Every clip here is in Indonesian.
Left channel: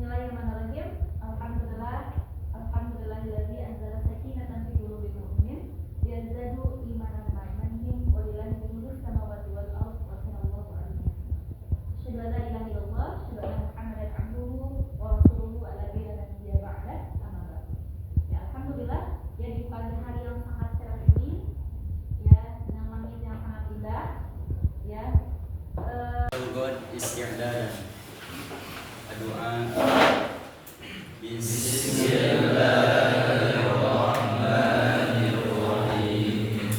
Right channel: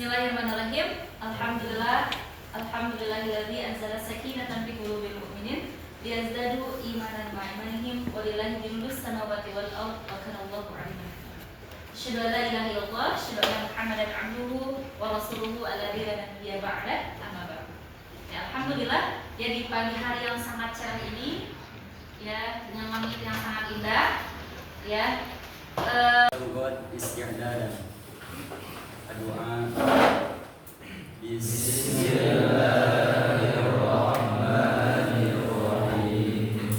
Bismillahirrahmanirrahim. Alhamdulillahilladzi anzala sakinatan fi qulubil mu'minin liyazdadu imanan ma'a imanihim walillahi jundus samawati wal ardh wa kana Allahu 'aliman hakim. Asyhadu an la ilaha illallah, asyhadu anna Muhammadan 'abduhu wa rasuluhu alladzi la nabiyya ba'da, amma ba'd. Ya, alhamdulillah, ya di pagi hari yang sangat cerah ini, ya dengan langit yang sangat indah, ya. Isti'dadan. Doa. Bismillahirrahmanirrahim.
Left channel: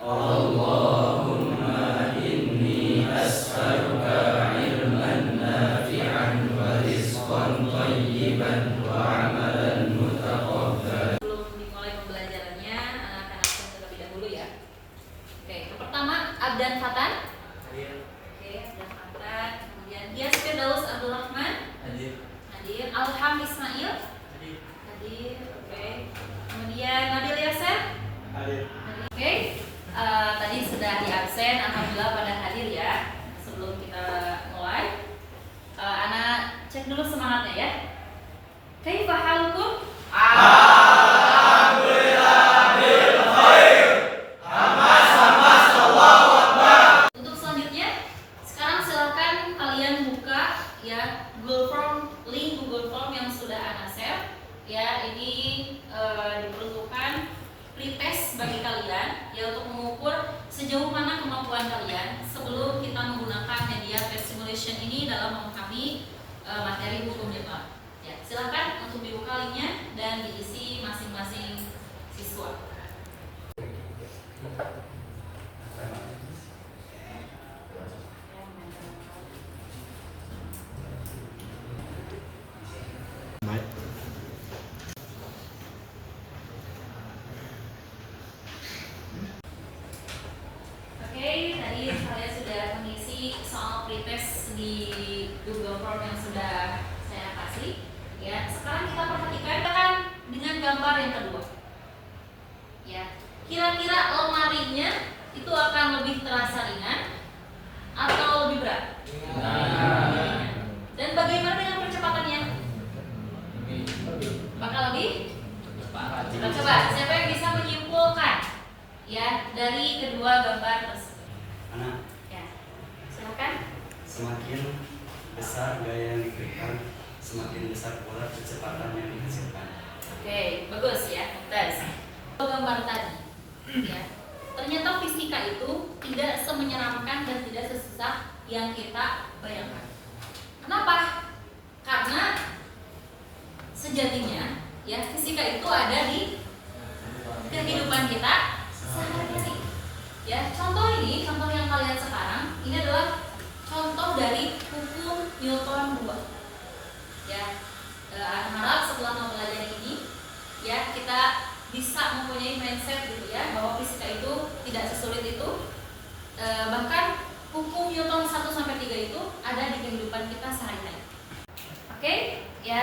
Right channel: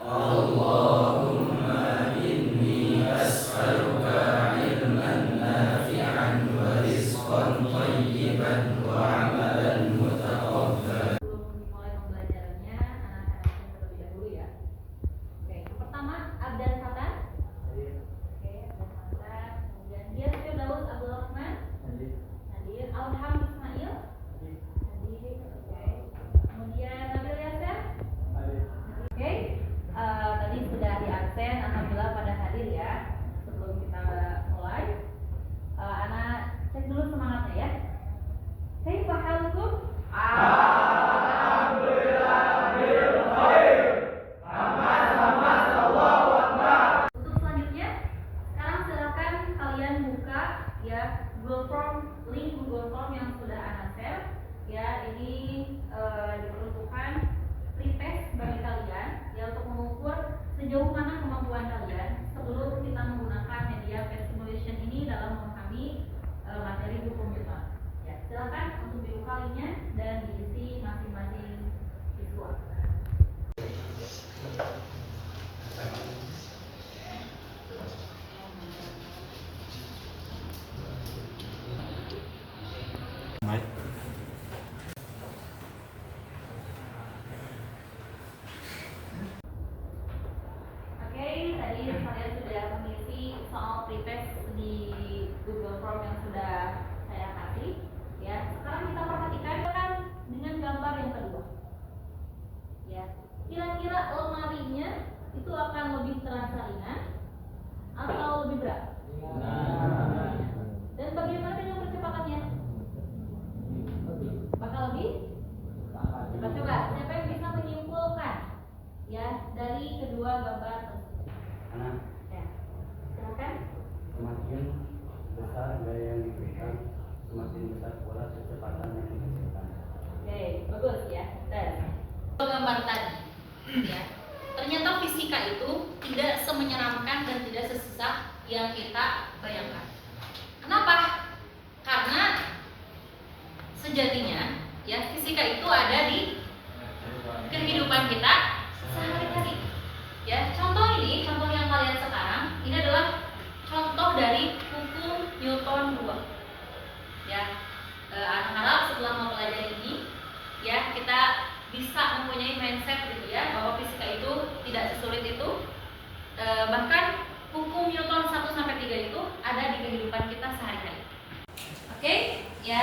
Allahumma inni as'aluka ilman nafi'an wa rizqan thayyiban wa amalan mutaqabbal. Sebelum dimulai pembelajarannya, anak akan absen terlebih dahulu ya. Oke, yang pertama Abdan Fatan. Hadir. Oke, Abdan Fatan. Kemudian Dias Firdaus Abdul Rahman. Hadir. Alham Ismail. Hadir. Oke. Kemudian Nabil Yasser. Hadir. Oke. Tadi sudah di absen, alhamdulillah pada hadir ya. Sebelum kita mulai, anak cek dulu semangatnya ya. Kaifa halukum? Alhamdulillah bil khair. Hamas Allahu Akbar. Untuk selanjutnya, sekarang silakan kalian buka ya Google Form, link Google Form yang sudah Ana share. Ya, ini diperuntukkan pretest bagi kalian ya untuk mengukur sejauh mana kemampuan kalian sebelum kita menggunakan media test simulation ini dalam memahami materi hukum Islam. Ya, silakan untuk dibuka linknya dan diisi masing-masing siswa. Oke, tadi saya sudah mengisi soal pretest di Google Form yang sudah saya kasih. Ya, sekarang kita perhatikan dengan gambar yang kedua. Ya, kira-kira lemarinya itu akan lebih terasa ringan atau lebih berat? Ringan. Dan bagaimana dengan percepatannya? Bakal lebih? Kita coba, siapa yang bisa menyimpulkan ya dari kedua gambar tersebut? Anak. Ya, silakan. Semakin besar gaya yang diberikan, semakin besar pula kecepatan yang dihasilkan. Oke, bagus ya, tes. Gambar tadi, ya. Ternyata fisika itu tidak semenyeramkan dan tidak sesusah yang kita bayangkan. Kenapa? Karena sejatinya, ya fisika itu ada di kehidupan kita sehari-hari. Ya, contoh yang kalian sekarang ini adalah contoh dari hukum Newton 2. Ya, Ana harap setelah mempelajari ini, ya kita bisa mempunyai mindset gitu ya bahwa fisika itu tidak sesulit itu. Bahkan hukum Newton 1 sampai 3 itu ada di kehidupan kita sehari-hari. Oke, ya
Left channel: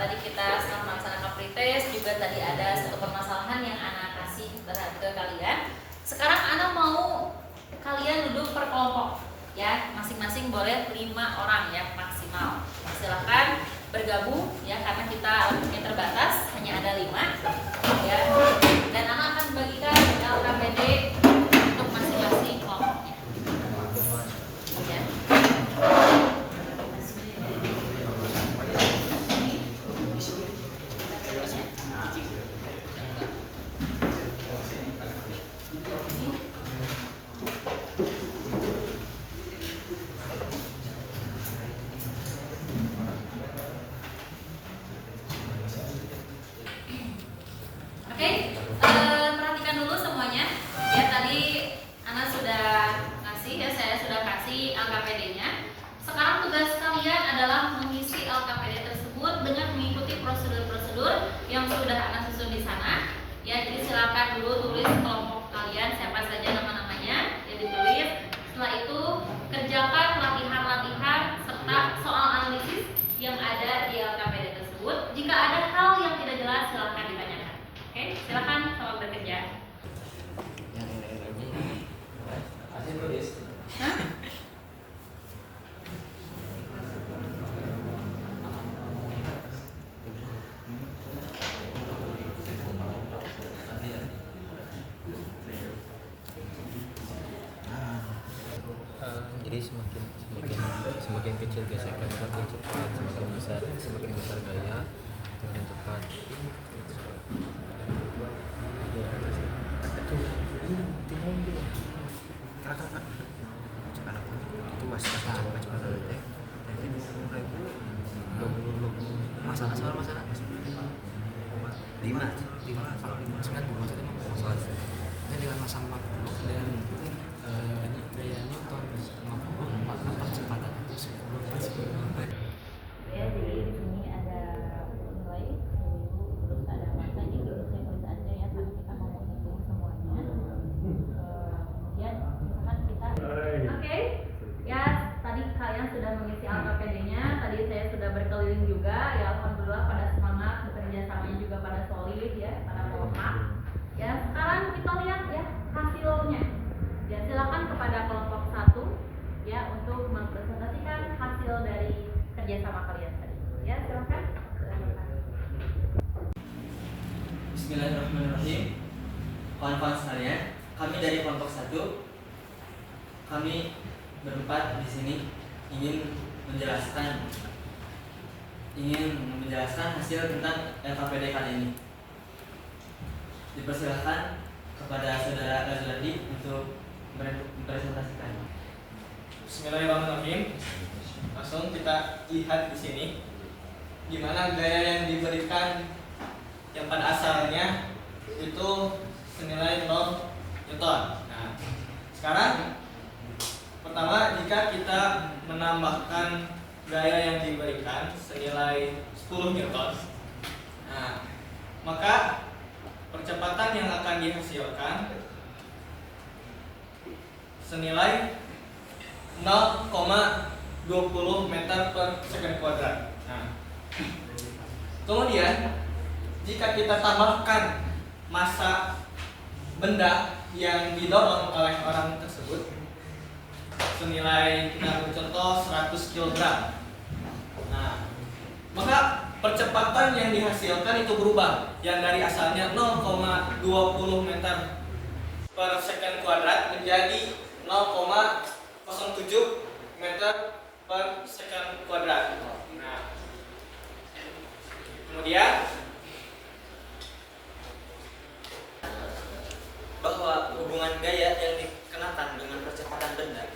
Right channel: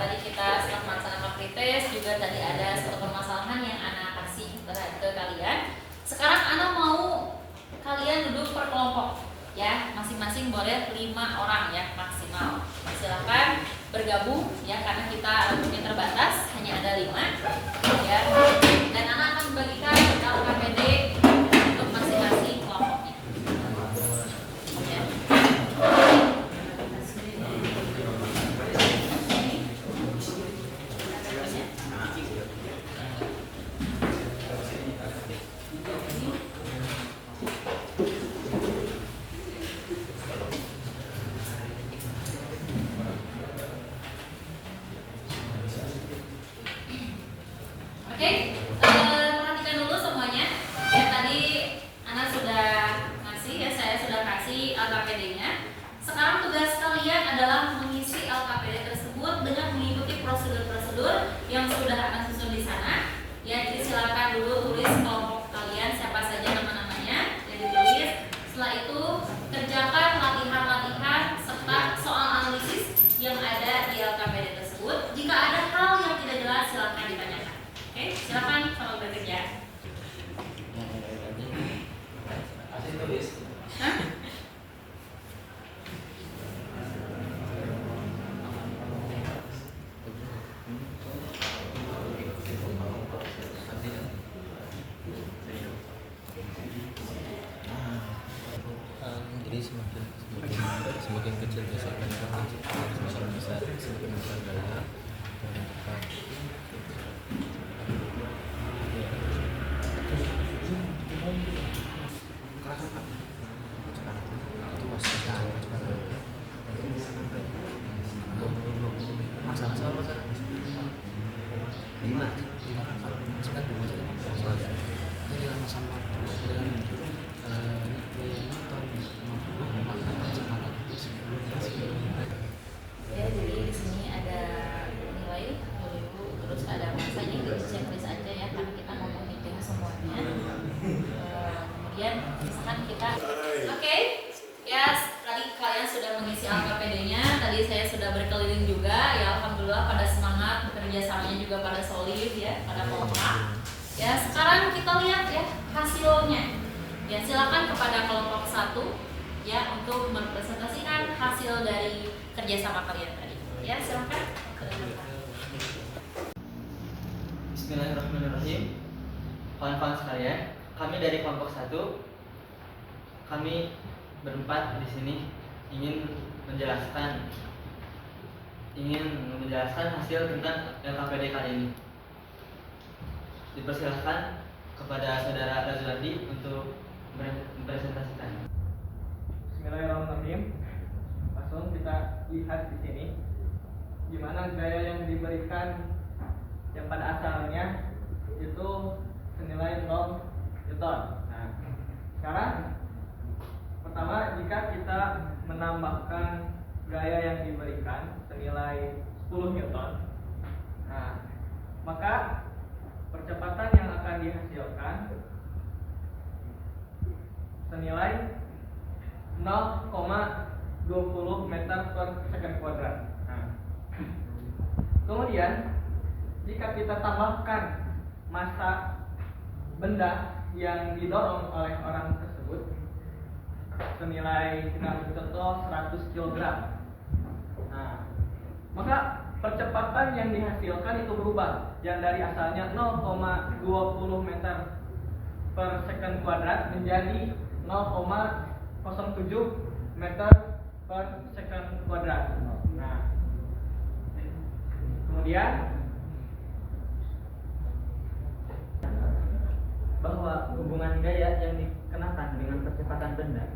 tadi kita setelah melaksanakan pretest juga tadi ada satu permasalahan yang Ana kasih ke kalian. Sekarang Ana mau kalian duduk per kelompok ya, masing-masing boleh 5 orang ya maksimal. Silahkan bergabung ya karena kita waktunya terbatas, hanya ada 5 ya. Dan Ana akan membagikan LKPD untuk masing-masing kelompoknya. Ya. Oke, perhatikan dulu semuanya. Ya tadi Ana sudah ngasih ya, saya sudah kasih LKPD-nya. Sekarang tugas kalian adalah mengisi LKPD tersebut dengan mengikuti prosedur-prosedur yang sudah Ana susun di sana. Ya, jadi silakan dulu tulis kelompok kalian siapa saja nama-namanya, ya ditulis. Setelah itu kerjakan latihan-latihan serta soal analisis yang ada di LKPD tersebut. Jika ada hal yang tidak jelas silakan ditanyakan. Oke, silakan selamat bekerja. Hah? kecil gesekan semakin cepat, semakin besar gaya semakin cepat. Masalah lima sekat masalah ini dengan masa waktu dan gaya Newton 50 maka percepatan itu 10 Ya, jadi di sini ada nilai dulu, terus ada masanya di checklist aja ya, karena kita mau menghitung semuanya. Kemudian misalkan kita, oke, ya tadi kalian sudah mengisi AKPD-nya, tadi saya sudah berkeliling juga, ya alhamdulillah pada semangat, bekerja samanya juga pada solid ya, pada kompak. Ya sekarang kita lihat ya hasilnya. Ya silakan kepada kelompok 1 ya untuk mempresentasikan hasil dari kerjasama kalian tadi. Ya silakan. Bismillahirrahmanirrahim. Kawan-kawan sekalian, kami dari kelompok 1, kami berempat di sini ingin menjelaskan hasil tentang LKPD kali ini. Dipersilakan kepada saudara Razwandi untuk mempresentasikan. Bismillahirrahmanirrahim. Langsung kita lihat di sini gimana gaya yang diberikan yang pada asalnya itu senilai 0 Newton. Nah, sekarang pertama jika kita menambahkan gaya yang diberikan senilai 10 Newton, nah maka percepatan yang akan dihasilkan senilai 0,20 meter per second kuadrat. Nah, kemudian jika kita tambahkan massa benda yang didorong oleh orang tersebut senilai, kita ambil contoh 100 kg. Nah, maka percepatan yang dihasilkan itu berubah, yang dari asalnya 0,20 meter per second kuadrat menjadi 0,07 meter per second kuadrat. Nah, kemudian Bahwa hubungan gaya yang dikenakan dengan percepatan benda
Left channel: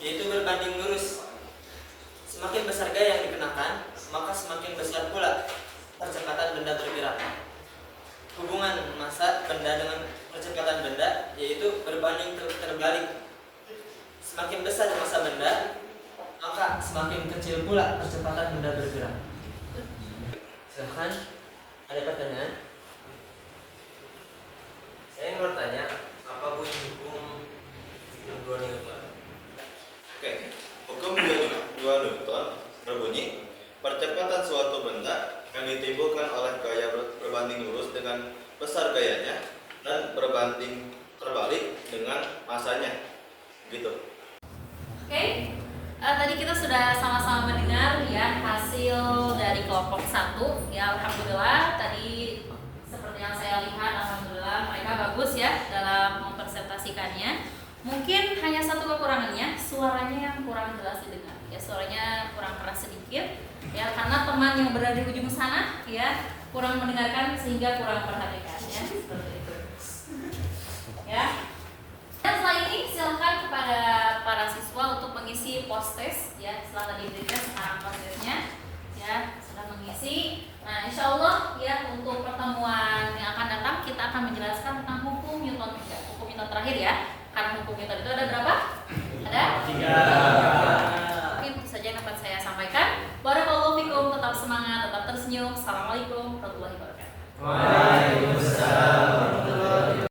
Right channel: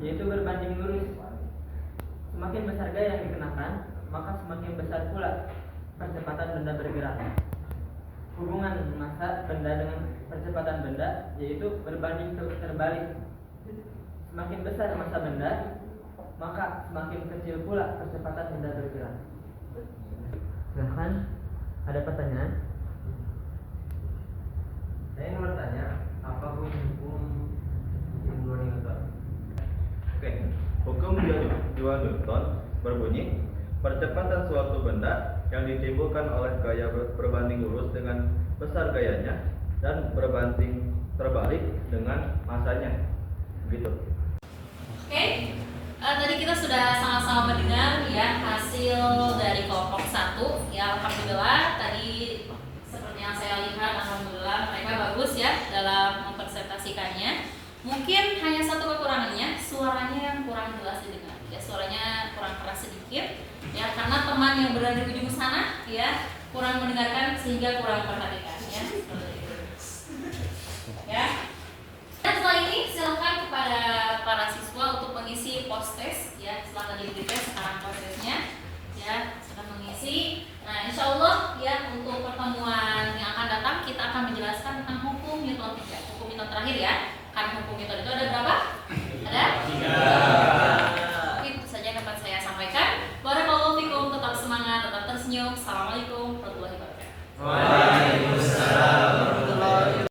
yaitu berbanding lurus. Semakin besar gaya yang dikenakan, maka semakin besar pula percepatan benda bergerak. Hubungan massa benda dengan percepatan benda yaitu berbanding terbalik. Semakin besar massa benda, maka semakin kecil pula percepatan benda bergerak. Silahkan, ada pertanyaan? Saya ingin bertanya, apa bunyi hukum 2 Newton? Oke, hukum 2 Newton berbunyi percepatan suatu benda yang ditimbulkan oleh gaya berbanding lurus dengan besar gayanya dan berbanding terbalik dengan masanya. Begitu. Oke. Tadi kita sudah sama-sama mendengar ya hasil dari kelompok 1. Ya alhamdulillah tadi seperti yang saya lihat, alhamdulillah mereka bagus ya dalam mempresentasikannya. Mungkin hanya satu kekurangannya, suaranya yang kurang jelas didengar. Ya suaranya kurang keras sedikit. Ya karena teman yang berada di ujung sana ya kurang mendengarkan sehingga kurang perhatikan ya seperti itu. Ya. Dan setelah ini silakan kepada para siswa untuk mengisi post test ya. Setelah tadi di tes, sekarang post testnya ya sudah mengisi. Nah, insya Allah ya untuk pertemuan yang akan datang kita akan menjelaskan tentang hukum Newton 3. Hukum Newton terakhir ya. Karena hukum Newton itu ada berapa? Ada 3.